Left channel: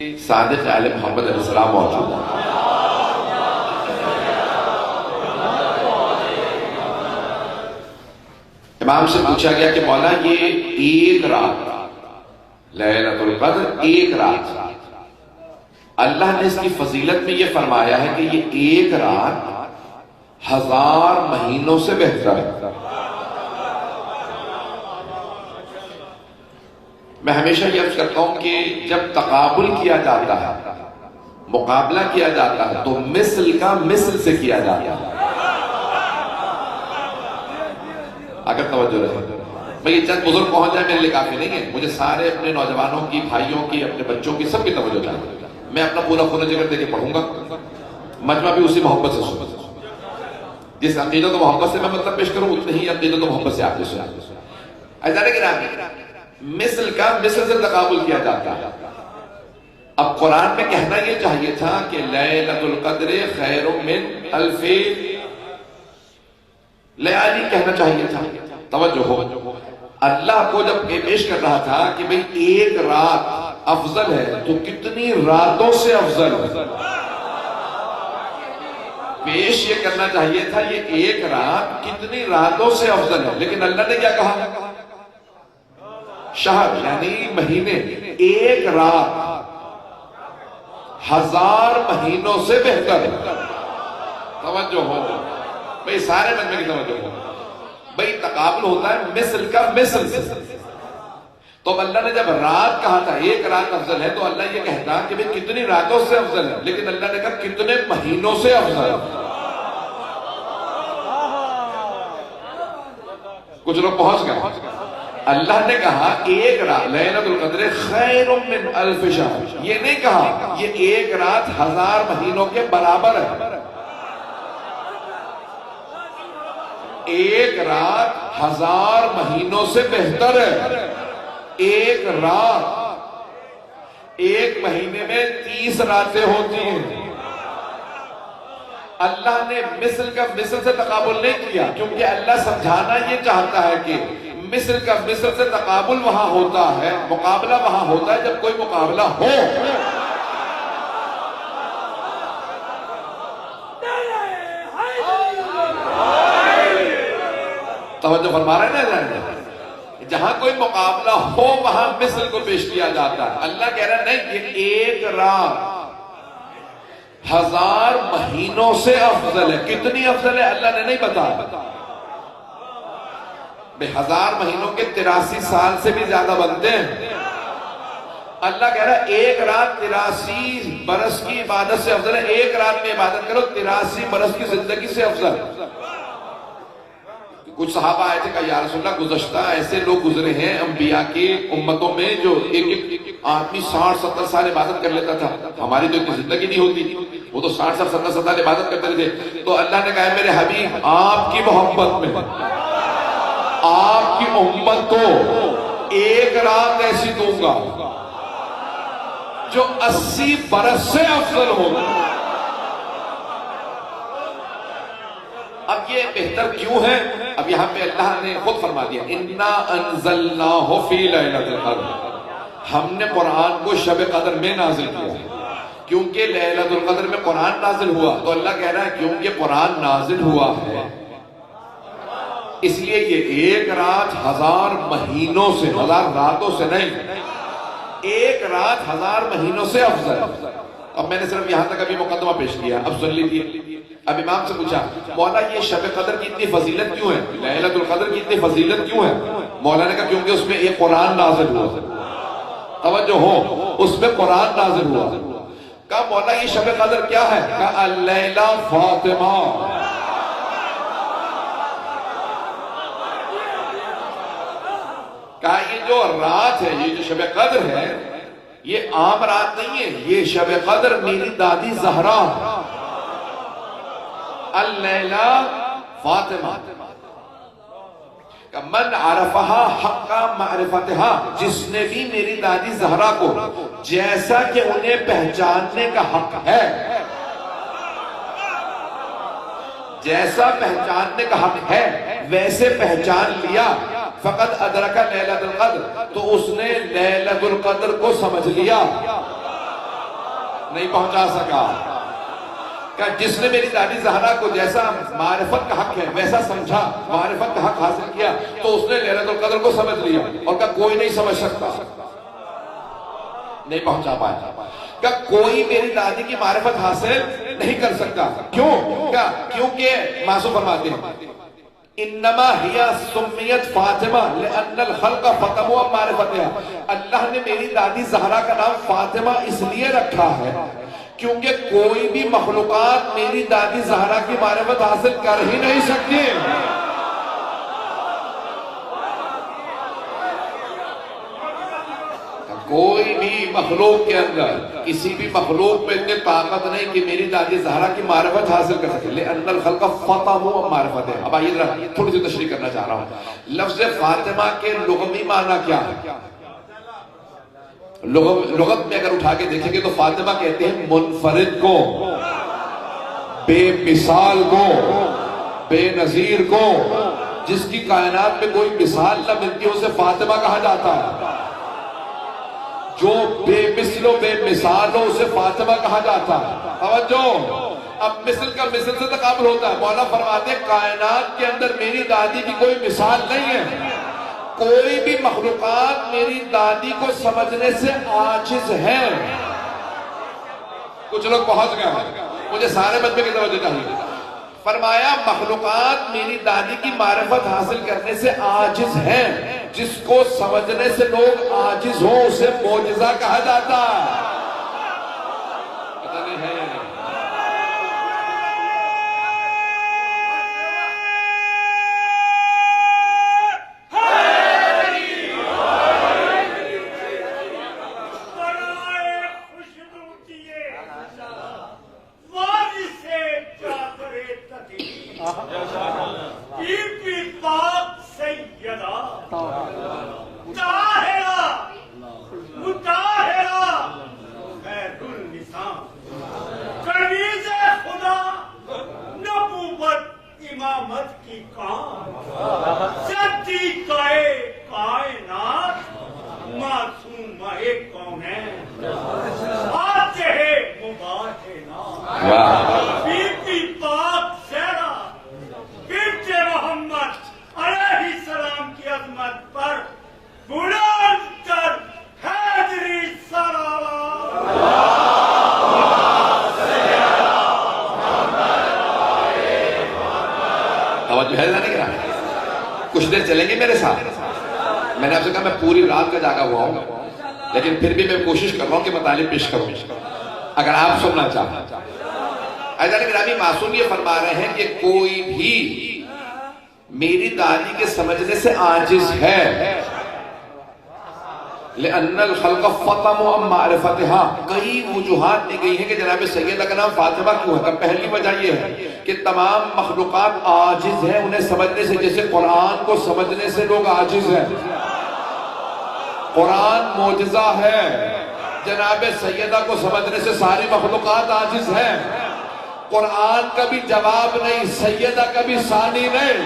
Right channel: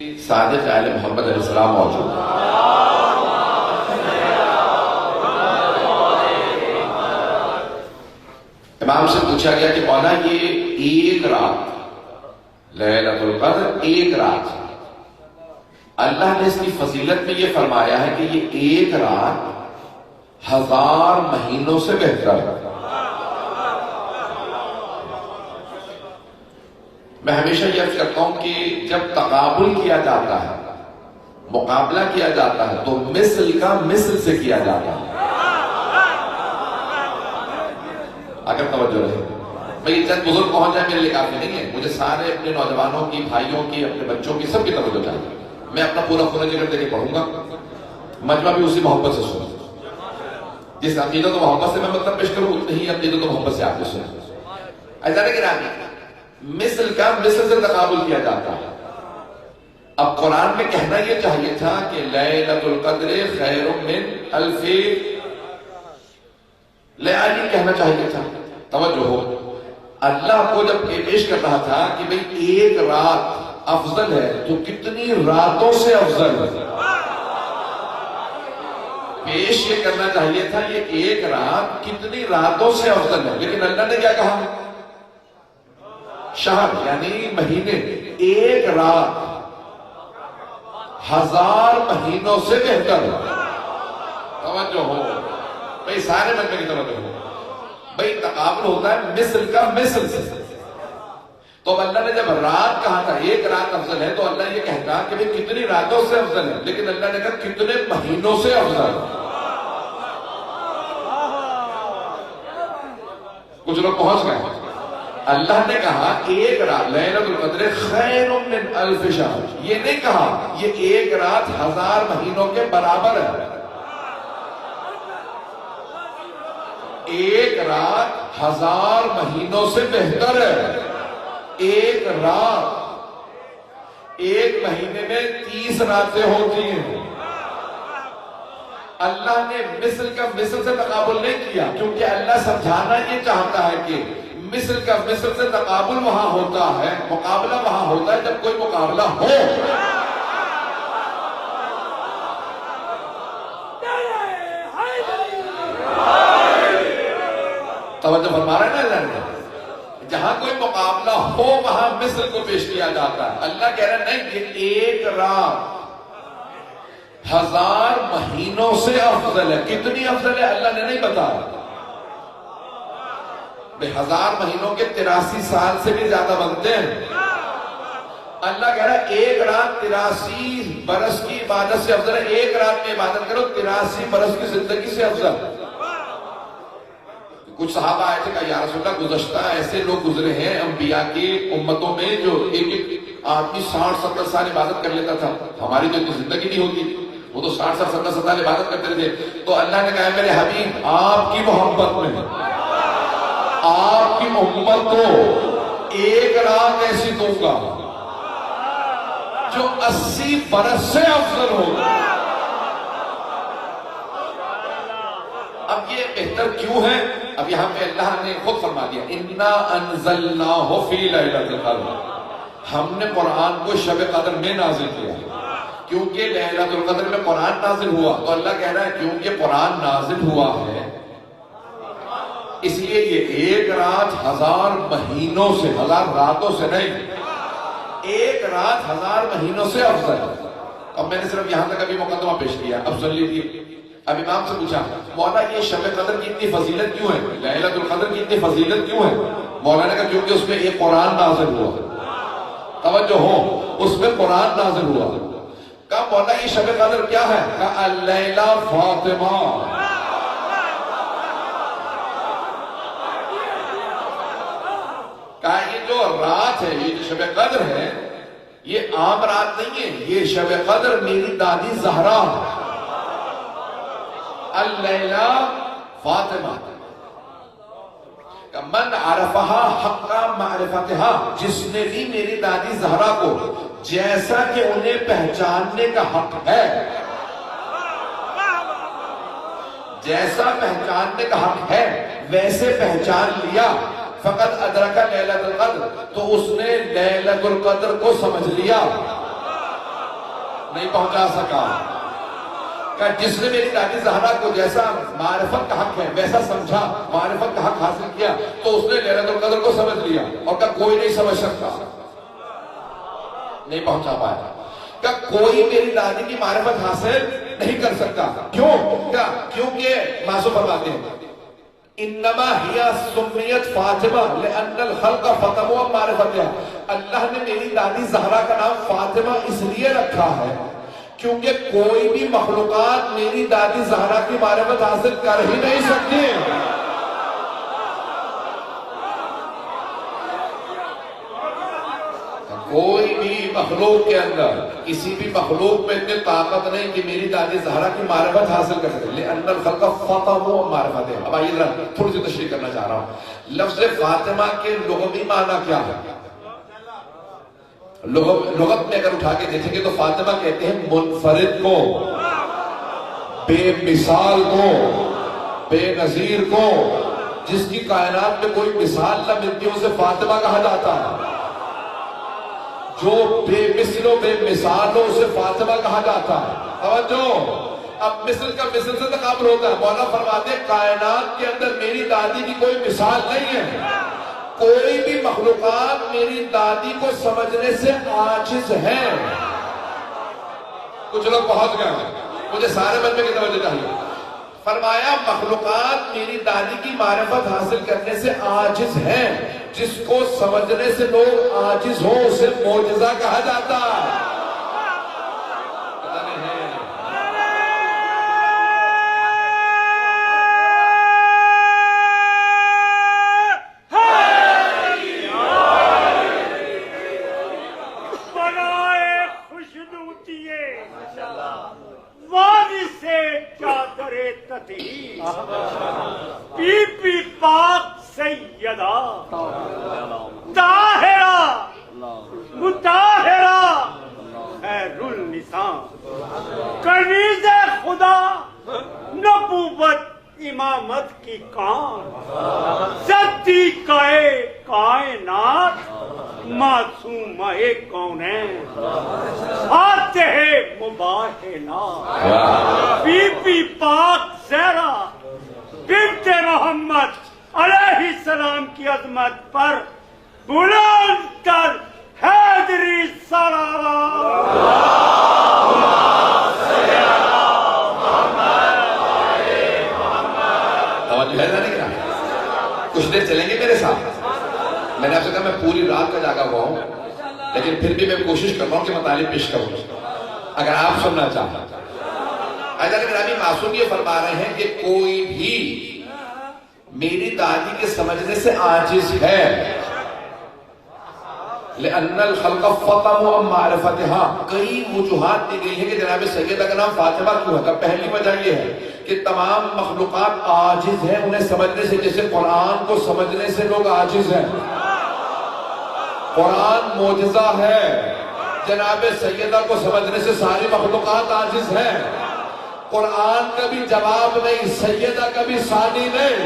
صادق آل محمد علیہ السلام موجود ہے۔ امام سے پوچھا گیا کہ مولا یہ ایک رات لیلۃ القدر ایک رات، اللہ نے اس کی فضیلت میں یہ فرمایا ہے کہ یہ ایک رات 1000 مہینوں سے بہتر ہے۔ میں ہمیشہ یہ عرض کرتا ہوں کہ جب تقابل کیا جاتا ہے، مقابلہ کیا جاتا ہے، تو مثل کا مثل سے کیا جاتا ہے۔ اگر توجہ رہے، میں یہ چند بزرگ پہنچ جائے میرے لیے کافی نہیں ہے، مجھے سارے اپنے نوجوانوں کی، بھائیوں کی، اپنے بچوں کی، سب کی توجہ چاہیے۔ میں اپنا پورا خون جگر دے کے پڑھوں گا، مجمع بھی اسی محبت سے سنوں۔ جس عقیدت و محبت سے میں مطلب پیش کروں، اتنی ہی عقیدت و محبت سے آپ کو سنیں۔ ایسا کہ مثل کا مثل سے تقابل کیا جاتا ہے۔ اب قرآن میں کہنا یہ چاہیے تھا کہ لیلۃ القدر خیر من الف لیالی کہنا چاہیے تھا۔ توجہ ہو، اللہ کو جب پیش کر رہا تھا کہ بھئی ایک رات افضل ہے تو کتنی راتوں سے افضل ہے، پیش یہ کرنا چاہیے تھا یہ ایک رات کتنی راتوں سے افضل ہے، لیکن اللہ نے کیا کہا؟ شہر یعنی مہینے، ایک رات 1000 مہینوں سے بہتر ہے۔ توجہ ہو بھئی، سارے مجمع کی توجہ ہو بھئی، تقابل ہوتا ہے مثل کا مثل سے۔ تو اب اللہ نے جب رات کہا تھا ایک رات افضل ہے، تو اللہ یہ کہتا کہ بھئی کتنی راتوں سے افضل ہے، لیکن اللہ نے کہا کتنے مہینوں سے افضل ہے۔ کچھ لوگ پہنچ گئے۔ اللہ نے کہا ایک رات لیلۃ القدر خیر من الف شہر، یہ نہیں کہا یہ ایک رات 1000 مہینوں کے برابر ہے۔ ایک رات 1000 مہینوں سے بہتر ہے۔ ایک رات، ایک مہینے میں 30 راتیں ہوتی ہیں۔ اللہ نے مثل کا مثل سے تقابل نہیں کیا، کیونکہ اللہ سمجھانا یہ چاہتا ہے کہ مثل کا مثل سے تقابل وہاں ہوتا ہے، مقابلہ وہاں ہوتا ہے جب کوئی مقابلہ ہو۔ توجہ فرما رہے ہیں نا، جہاں کوئی مقابلہ ہو وہاں مثل کو پیش کیا جاتا ہے۔ اللہ کہہ رہا نہیں، یہ ایک رات 1000 مہینوں سے افضل ہے۔ کتنی افضل ہے اللہ نے نہیں بتایا۔ 1000 مہینوں کے 83 سال سے بھی زیادہ بنتے ہیں۔ اللہ کہہ رہا ہے ایک رات 83 برس کی عبادت سے افضل ہے۔ ایک رات میں عبادت کرو 83 برس کی زندگی سے افضل۔ کچھ صحابہ آئے تھے کہ یا رسول اللہ، گزشتہ ایسے لوگ گزرے ہیں انبیاء کی امتوں میں جو ایک آدمی 60-70 سال عبادت کر لیتا تھا، ہماری تو اتنی زندگی نہیں ہوتی، وہ تو 60-70 سال عبادت کرتے تھے۔ تو اللہ نے کہا میرے حبیب، آپ کی محبت میں آپ کی امت کو ایک رات ایسی دوں گا جو 80 برس سے افضل ہوگا۔ اب یہ بہتر کیوں ہے؟ اب یہاں پہ اللہ نے خود فرما دیا اِنَّا أَنزَلْنَاهُ فِي لَيْلَةِ الْقَدْرِ، ہم نے قرآن کو شب قدر میں نازل کیا، کیونکہ لیلۃ القدر میں قرآن نازل ہوا۔ تو اللہ کہہ رہا ہے کیونکہ قرآن نازل ہوا ہے، اس لیے یہ ایک رات 1000 مہینوں سے، 1000 راتوں سے نہیں، ایک رات 1000 مہینوں سے افضل۔ اب میں نے صرف یہاں تک ابھی مقدمہ پیش کیا، اب سن لیجیے۔ اب امام سے پوچھا مولا یہ شب قدر کی اتنی فضیلت کیوں ہے، لیلۃ القدر کی اتنی فضیلت کیوں ہے؟ مولا نے کہا کیونکہ اس میں ایک قرآن نازل ہوا۔ توجہ ہو، اس میں قرآن نازل ہوا۔ کہا مولا یہ شب قدر کیا ہے؟ کہا اللیلہ فاطمہ۔ کہا یہ جو رات ہے، یہ جو شب قدر ہے، یہ عام رات نہیں ہے، یہ شب قدر میری دادی زہرا اللیلہ فاطمہ۔ من عرفہا حق معرفتہا، جس نے بھی میری دادی زہرا کو جیسا کہ انہیں پہچاننے کا حق ہے، جیسا پہچاننے کا حق ہے ویسے پہچان لیا، فقط ادرک لیلۃ القدر، تو اس نے لیلۃ القدر کو سمجھ لیا۔ نہیں پہنچا سکا. کہ جس نے میری دادی زہرا کو جیسا معرفت کا حق ہے ویسا سمجھا, معرفت کا حق حاصل کیا, تو اس نے لیلۃ القدر کو سمجھ لیا اور کہا کوئی نہیں سمجھ سکتا, نہیں پہنچا پایا. کہ کوئی میری دادی کی معرفت حاصل نہیں کر سکتا. کیوں؟ کیونکہ معصوم فرماتے ہیں انما ہی سمیت فاطمہ لأن الخلق فتموا معرفتها. اللہ نے میری دادی زہرا کا نام فاطمہ اس لیے رکھا ہے کیونکہ کوئی بھی مخلوقات میری دادی زہرا کی معرفت حاصل کر ہی نہیں سکتی. کوئی بھی مخلوق کے اندر کسی بھی مخلوق میں اتنی طاقت نہیں کہ میری دادی زہرا کی معرفت حاصل کر سکے. لأن الخلق فتموا معرفتها. اب آئیے ذرا تھوڑی سی تشریح کرنا چاہ رہا ہوں. لفظ فاطمہ کے لغوی معنی کیا ہے؟ لغت میں اگر اٹھا کے دیکھیں گے تو فاطمہ کہتے ہیں منفرد کو, بے مثال کو, بے نظیر کو, جس کی کائنات میں کوئی مثال نہ ملتی اسے فاطمہ کہا جاتا ہے. جو بے مثل و بے مثال ہو اسے فاطمہ کہا جاتا ہے. توجہ, اب مثل کا مثل سے تقابل ہوتا ہے. مولا فرماتے ہیں کائنات کے اندر میری دادی کی کوئی مثال نہیں ہے. کوئی بھی مخلوقات میری دادی کو سمجھنے سے عاجز ہیں. کچھ لوگ پہنچ گئے ہیں, مجھے سارے بندے کی توجہ چاہیے. فرمایا مخلوقات میری دادی کی معرفت حاصل کرنے سے عاجز ہیں. جس کو سمجھنے سے لوگ عاجز ہوں اسے معجزہ کہا جاتا ہے. بی بی پاک سیدہ طاہرہ مطہرہ خیر النساء, کنیز خدا, نبوت امامت کی کام, صدیقہ کائنات, معصومہ کونین, فاتح مباحنات, بی بی پاک زہرا بنت محمد علیہ السلام کی عظمت پر بلند کر حیدری صلوات. توجہ ہے نہیں رہا. کچھ دیر چلیں گے میرے ساتھ. میں نے آپ سے کہا میں پوری رات کا جاگا ہوا ہوں, لیکن پھر بھی میں کوشش کر رہا ہوں کہ مطالب پیش کروں اگر آپ سننا چاہتے ہیں. حضرت گرامی معصوم یہ فرما رہے ہیں کہ کوئی بھی میری دادی کے سمجھنے سے عاجز ہے. لأن الخلق فتموا معرفتها. کئی وجوہات دی گئی ہیں کہ جناب سیدہ کا نام فاطمہ کیوں ہے. پہلی وجہ یہ ہے کہ تمام مخلوقات عاجز ہیں انہیں سمجھنے سے, جیسے قرآن کو سمجھنے سے لوگ عاجز ہیں. قرآن معجزہ ہے, جناب سیدہ کو سمجھنے سے ساری مخلوقات عاجز ہیں. قرآن کا بھی جواب نہیں, سیدہ کا بھی ثانی نہیں.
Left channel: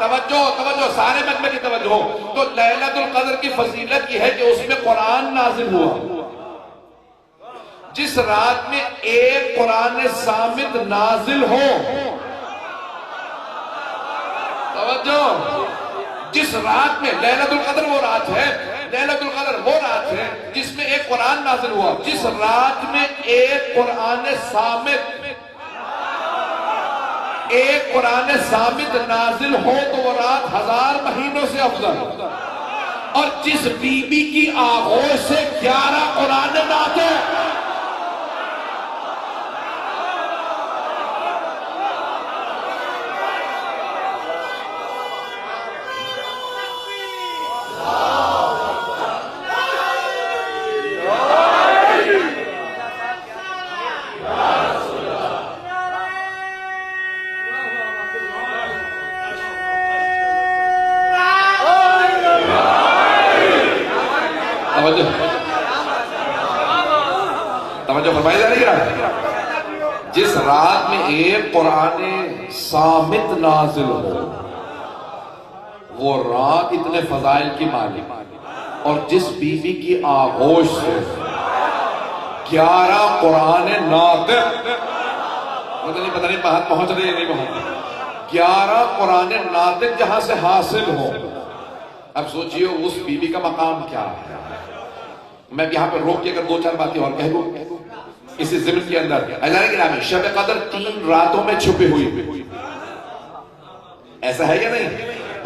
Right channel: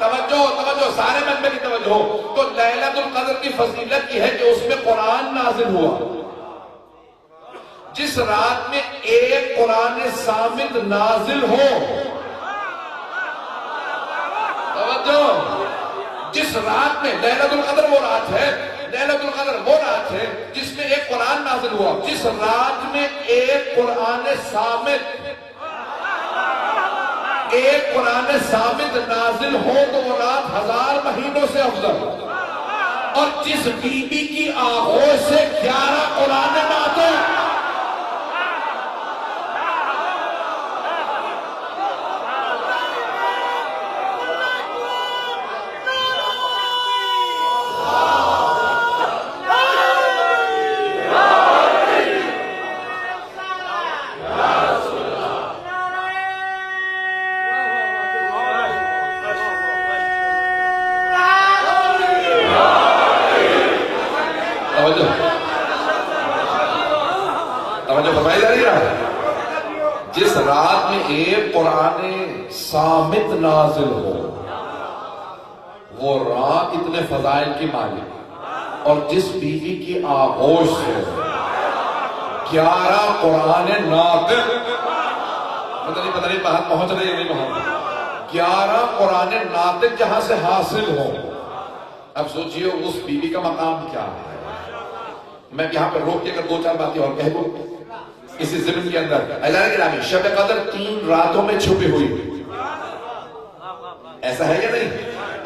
توجہ سارے مجمع کی توجہ ہو. تو لیلۃ القدر کی فضیلت یہ ہے کہ اس میں قرآن نازل ہوا. جس رات میں ایک قرآن صامت نازل ہو, توجہ, جس رات میں لیلۃ القدر وہ رات ہے, لیلۃ القدر وہ رات ہے جس میں ایک قرآن نازل ہوا. جس رات میں ایک قرآن صامت نازل ہو تو وہ رات 1000 مہینوں سے افضل. اور جس بی بی کی آغوش سے 11 قرآن نازل, توجہ فرمائی جا رہی ہے. جس رات میں ایک قرآن صامت نازل ہو وہ رات اتنے فضائل کی مالک. اور جس بیوی کی آغوش سے 11 قرآن ناطق، پتہ نہیں بات پہنچ رہی ہے نہیں پہنچ رہی، 11 قرآن ناطق جہاں سے حاصل ہو، اب سوچئے اس بیوی کا مقام کیا ہے۔ میں یہاں پر روک کے اگر 2-4 باتیں اور کہہ دوں اسی ضمن کے اندر، اعلان گرامی شب قدر 3 راتوں میں چھپی ہوئی، ایسا ہے یا نہیں؟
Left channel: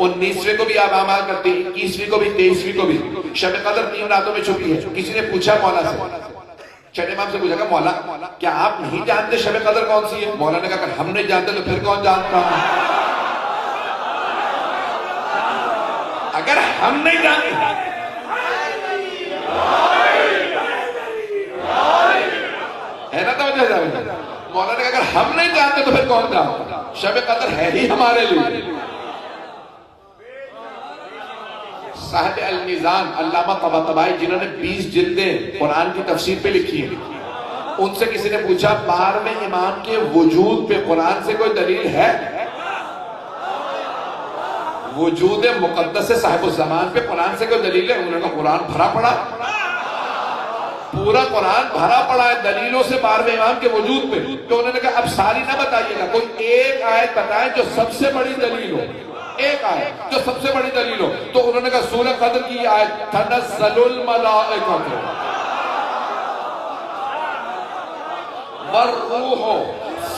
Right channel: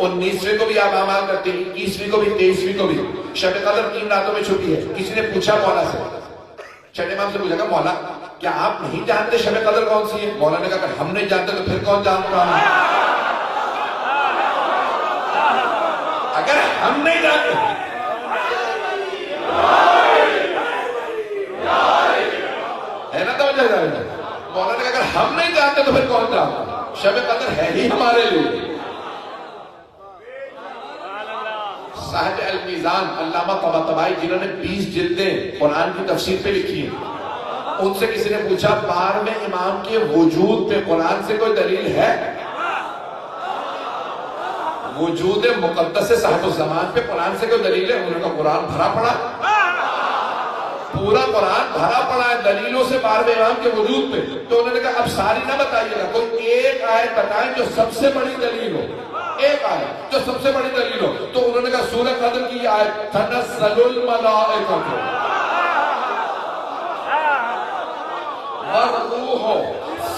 19ویں کو بھی آپ اعمال کرتے ہیں، 21ویں کو بھی، 23ویں کو بھی، شب قدر 3 راتوں میں چھپی ہے۔ کسی نے پوچھا مولا سے، چھٹے امام سے پوچھا کہ مولا کیا آپ نہیں جانتے شب قدر کون سی ہے؟ مولا نے کہا کہ ہم نہیں جانتے تو پھر کون جانتا ہے؟ اگر ہم نہیں جانتے، ہے نا توجہ جائے، مولا نے کہا اگر ہم نہیں جانتے تو پھر کون جانتا؟ شب قدر ہے ہی ہمارے لیے۔ صاحب المیزان علامہ طباطبائی جنہوں نے 20 جلدیں قرآن کی تفسیر پہ لکھی ہیں، ان سے کسی نے پوچھا 12ویں امام کے وجود پہ قرآن سے کوئی دلیل ہے؟ وجود مقدس صاحب الزمان پہ قرآن سے کوئی دلیل ہے؟ انہوں نے کہا قرآن بھرا پڑا، پورا قرآن بھرا پڑا ہے دلیلوں سے 12ویں امام کے وجود پہ۔ تو انہوں نے کہا اب ساری نہ بتائیے گا، کوئی ایک آیت بتائیں جو سب سے بڑی دلیل ہو، ایک آیت جو سب سے بڑی دلیل ہو۔ تو انہوں نے کہا سورہ قدر کی آیت تنزل الملائکہ والروح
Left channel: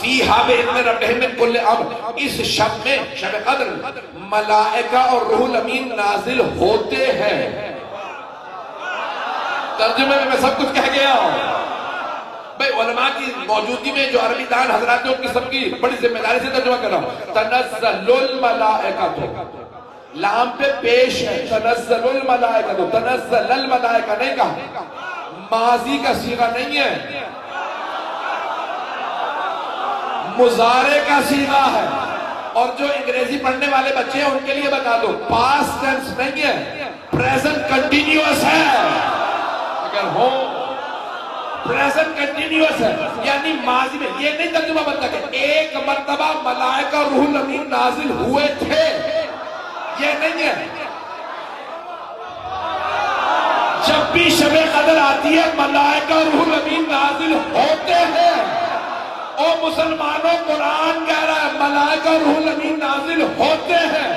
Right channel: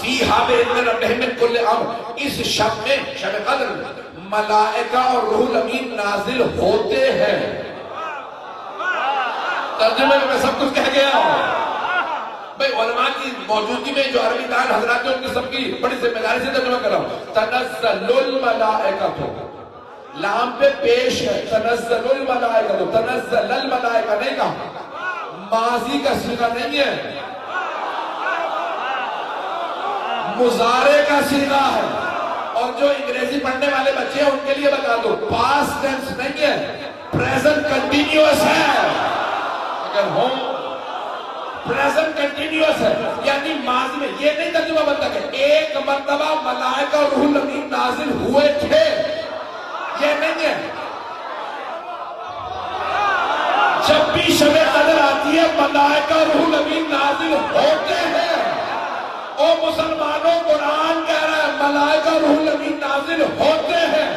فیہا بإذن ربہم من کل امر، اس شب میں شب قدر ملائکہ اور روح الامین نازل ہوتے ہیں۔ ترجمے میں سب کچھ کہہ گیا ہوں بھئی، علماء کی موجودگی میں جو عربی دان حضرات نے ان کی سب کی بڑی ذمہ داری سے ترجمہ کر رہا ہوں۔ تنزل الملائکہ، لام پہ پیش ہے، تنزل الملائکہ، تنزل الملائکہ نہیں کہا، ماضی کا صیغہ نہیں ہے، مضارع کا صیغہ ہے۔ اور جو انگریزی پڑھنے والے بچے ہیں ان کے لیے بتا دو، پاسٹ ٹینس نہیں ہے، پریزنٹ کنٹینیوس ہے۔ اگر ہو پریزنٹ کنٹینیوس ہے یعنی ماضی میں، یہ نہیں ترجمہ بنتا کہ ایک مرتبہ ملائکہ اور روح الامین نازل ہوئے تھے، یہ نہیں ہے۔ جب بھی شب قدر آتی ہے ملائکہ اور روح الامین نازل ہوتے ہیں۔ او مسلمانوں، قرآن کہہ رہا ہے ملائکہ اور روح الامین نازل ہوتے ہیں۔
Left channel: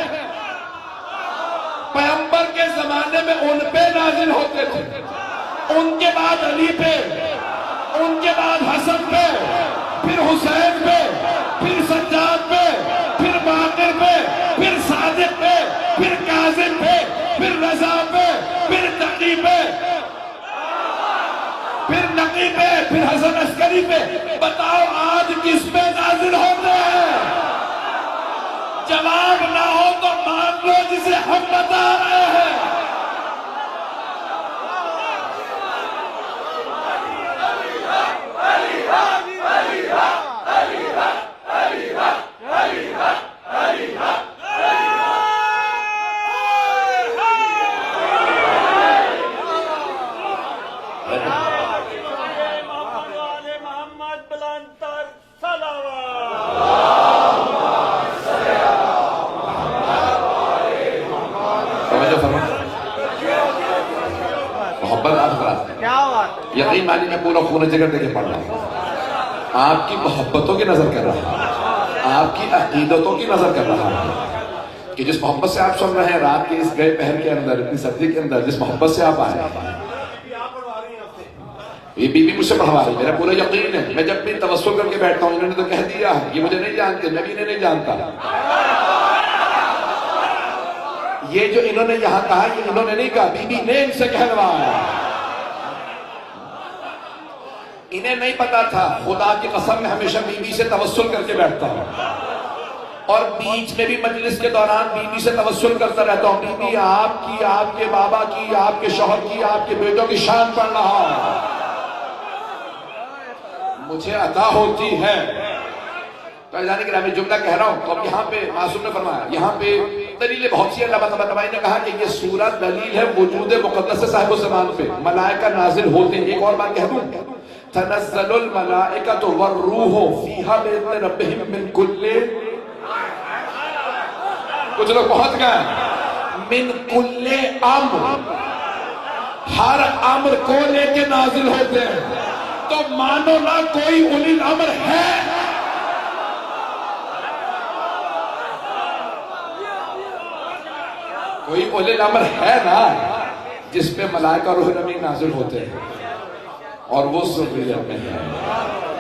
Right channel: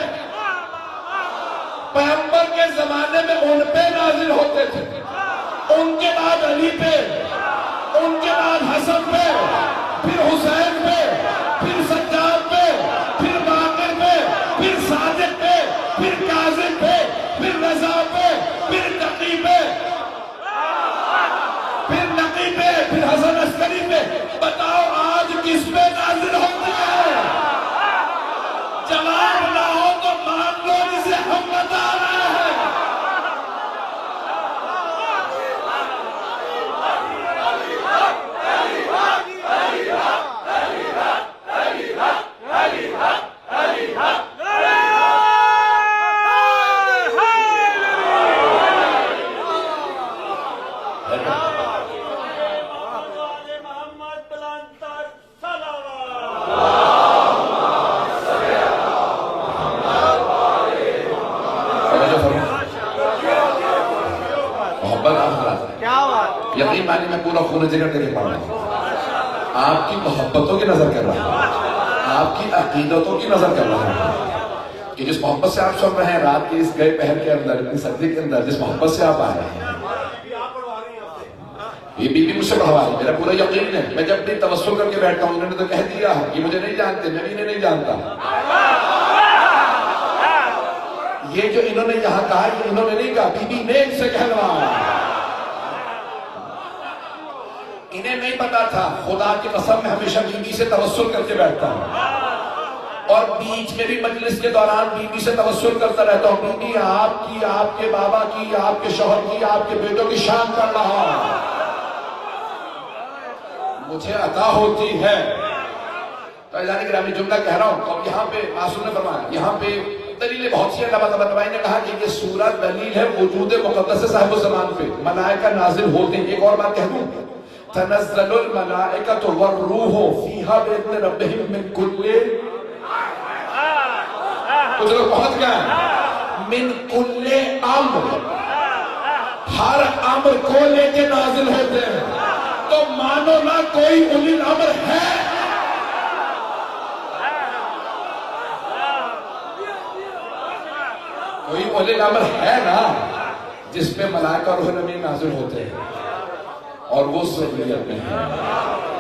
پیغمبر کے زمانے میں ان پہ نازل ہوتے تھے، ان کے بعد علی پہ، ان کے بعد حسن پہ، پھر حسین پہ، پھر سجاد پہ، پھر باقر پہ، پھر صادق پہ، پھر کاظم پہ، پھر رضا پہ، پھر تقی پہ، پھر نقی پہ، پھر حسن عسکری پہ۔ بتاؤ آج کس پہ نازل ہوتے ہیں؟ جواب نہ ہو تو مان لو جسے ہم بتا رہے ہیں۔ یقین مانی میں پورا خون جگر دے کے پڑھ رہا ہوں، آپ کی محبتوں کی نظر کر رہا ہوں، آپ کی عقیدتوں کی نظر کر رہا ہوں کہ جس محبت سے آپ سن رہے ہیں رات کے اس گئے پہر کے اندر، اتنی سردی کے اندر، جس محبت سے آپ آئے ہیں، یہ بی بی مجھ سے پڑھوا رہی، میرا پورا یقین ہے۔ میں جب بھی توسل کر کے بیٹھتا ہوں، انہوں نے تو کہہ دیا یہ مجھے نہیں جانتے، میں بھی انہیں نہیں جانتا۔ یہ جو انہوں نے یہاں کہا یہ انہوں نے نہیں کہا، بی بی نے ان سے کہلوایا۔ انہیں نہیں پتا تھا، خدا کی قسم میں ہمیشہ بی بی سے توسل کر کے بیٹھتا ہوں، اور بیچ میں بھی مجلس کے دوران بی بی سے توسل کرتا رہتا ہوں، بی بی آپ کی، آپ کے بابا کی، آپ کے شوہر کی، آپ کے بیٹوں کی شان پڑھ رہا ہوں، مجھے عطا ہوتی ہے۔ تو اعلان گرامی جملہ کہہ رہا ہوں، تو یہاں پہ معصوم نے فرمایا، یہاں پہ دلیلیں بہت سی ہیں۔ علامہ طباطبائی نے کہا کہ یہ سورہ دلیل ہے وجود مقدس صاحب الزمان پہ، ملائکہ نازل ہوتے ہیں۔ ایک اور بات کہہ دوں، تنزل الملائکۃ والروح فیہا بإذن ربہم من کل، کچھ لوگ پہنچ گئے، من کل امر، ہر امر کو لے کے نازل ہوتے ہیں، تو مانو نا کوئی اولی الامر ہے۔ کوئی اولی الامر ہے نا جس پہ ملائکہ روح الامین نازل ہوتے ہیں، اور وہ ذریت میں ہے۔